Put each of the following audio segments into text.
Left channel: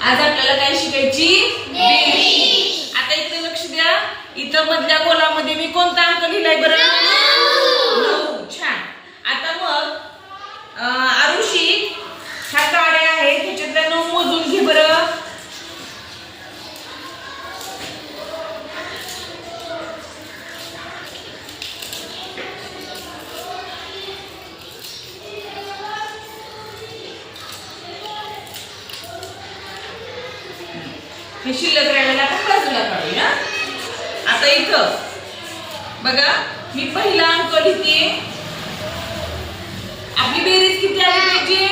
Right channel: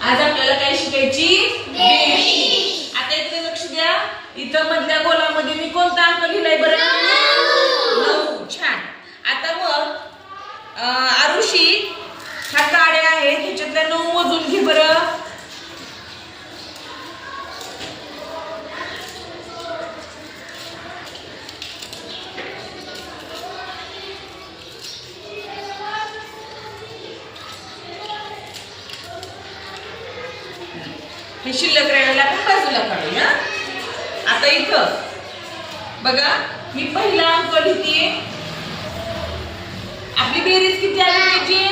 आज आपल्याला काय शिकायची? बेरीज. आता इकडे लक्ष द्या. इथं मधल्या गोलामध्ये मी कोणता अंक लिहिलाय बरं? 9. छान. आता मग आरुषी ह्या काड्या आहेत, ह्याच्यातल्या 9 मोजून घे बरं. हे शिल्लक राहिलेला आपण बाजूला काढूया. आता इथं बघा, मी पहिला अंक लिहिते. आपली बेरीज किती आली पाहिजे?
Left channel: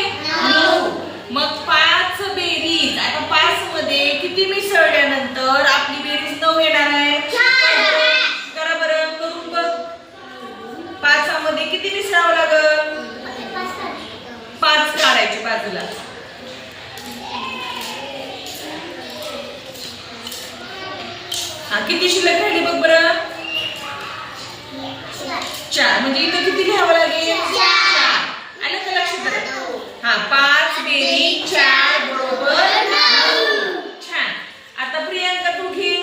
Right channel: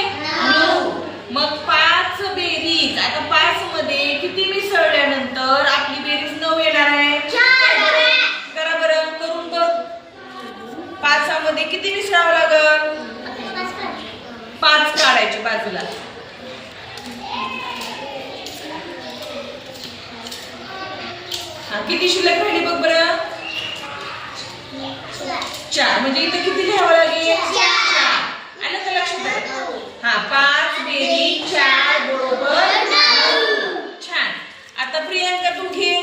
9. मग 5 बेरीज. आता 5 मध्ये किती मिसळल्यानंतर आपली बेरीज 9 येणार आहे? करा बरं, करून बघ. 5 मध्ये किती मिसळावं लागल? 5 काढायचे बाजूला. किती शिल्लक राहिली बघ बरं? 4. म्हणजे इथं किती लिहावं लागेल? 4. आलं का लक्षात? 5 बेरीज 4 बरोबर 9. छान. आता प्रियांका तू घे.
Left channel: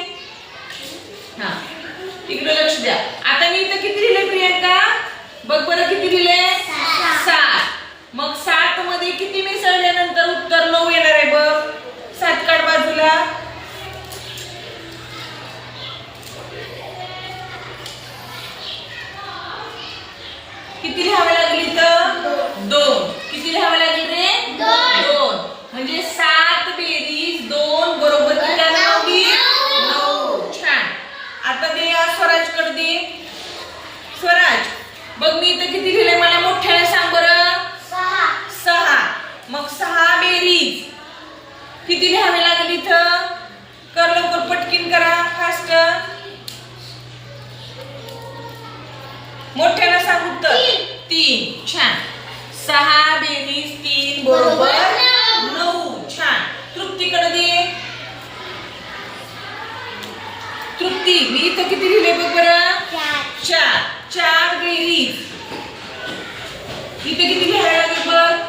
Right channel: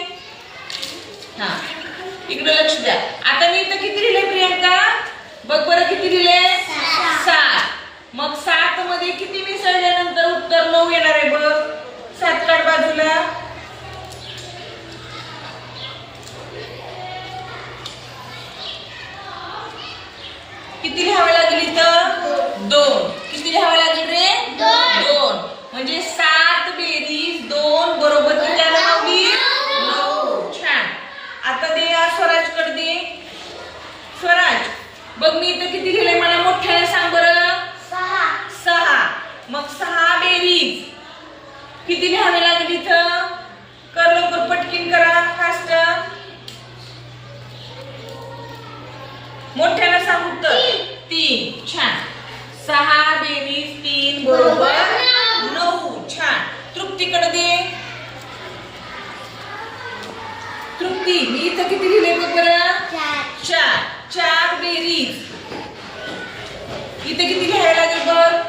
इकडे लक्ष द्या. आता मी इथं किती लिहिले प्रियांका? बघ बरं किती लिहिले? 7. मग 7 मध्ये किती मिसळल्यानंतर उत्तर 9 येणार आहे बघ. 7 काढ बाजूला. किती लिहावे लागेल इथं? 2. किती लिहावे लागेल रे? 2. म्हणजे 7 बेरीज 2 बरोबर किती आलं? 9. छान. आता दे स्वराज कडे दे. स्वराज बघ, मी इथं किती लिहिलंय मला मोठ्याने सांग बरं. 6. मग 6 बेरीज किती लिहावे लागेल इथं? कर लवकर, पटकीन करा, फास्ट. मोठ्याला सांग उत्तर. 3. छान. 6 बेरीज 3 बरोबर 9. छान. तृप्तीकडे दे. तृप्ती, मी इथं किती लिहिले बघ बरं? 4. 4 बेरीज इथे किती लिहायला लागेल बघ?